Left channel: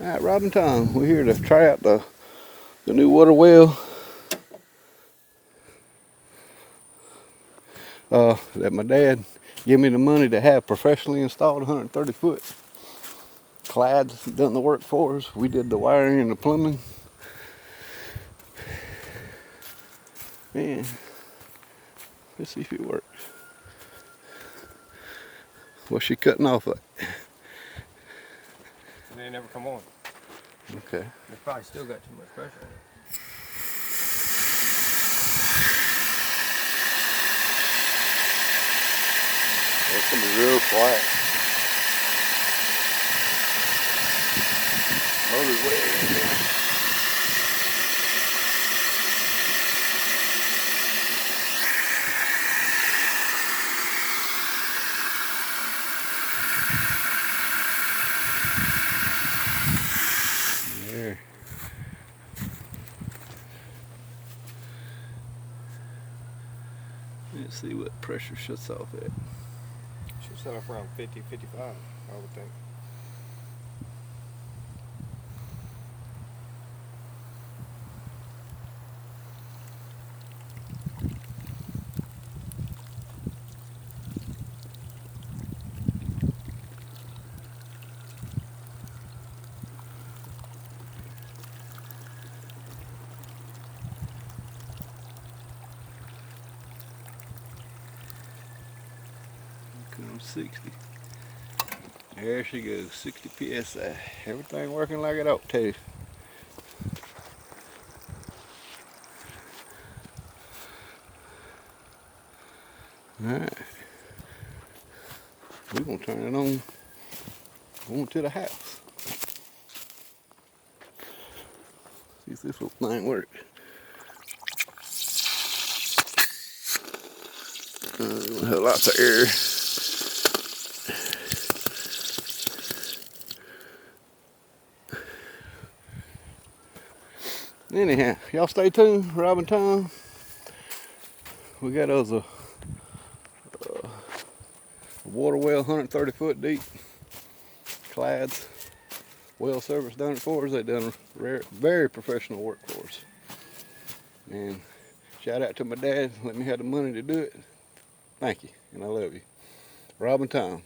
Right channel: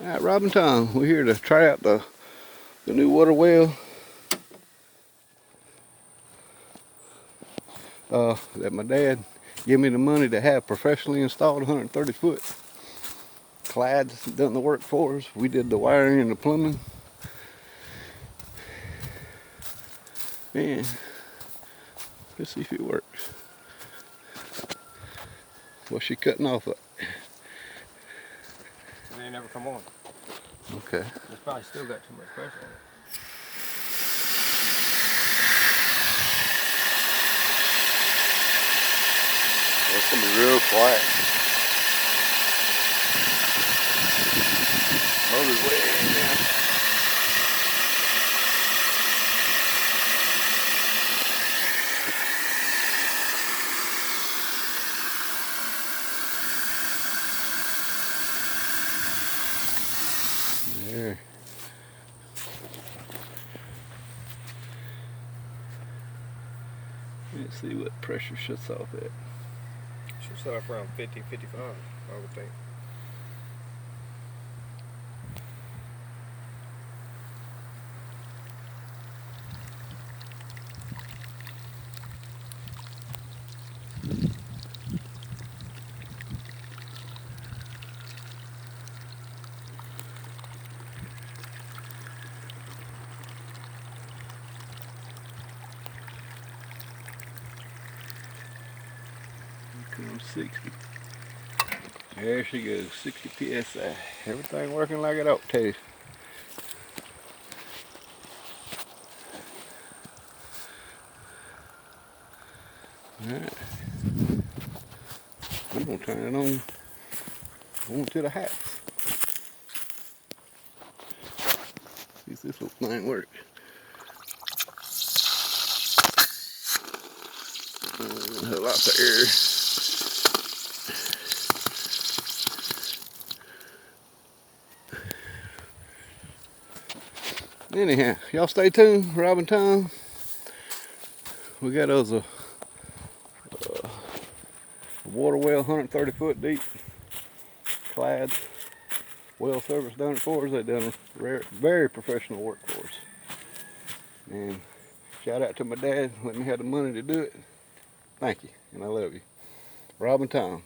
All right, Rob and Tom, we're here to try out the new water well that my dad gave me the money to have professionally installed. 130 foot. Clyde's done the work for us. We did the wiring and the plumbing. Man, let's see if it works. What's she cutting off at? It ain't never come on. Okay. It's probably still got too much pressure on it. It's gonna be real quiet. Motor's way down. There. Let's see what pressure shuts off at. Should set off around 50, 55, I would think. Comes 60. There she goes, 60 psi. Everything working like it ought to. Alright. We're gonna turn it on to the house. See if this little thing works. Lots of air. Anyhow, y'all stay tuned. Rob and Tom. We got us a water well, 130 foot deep. Clyde's well service done it for us. They done very professional work for us. And shout out to my dad. Let me have the money to do it. Thank you, and I love you. Rob and Tom.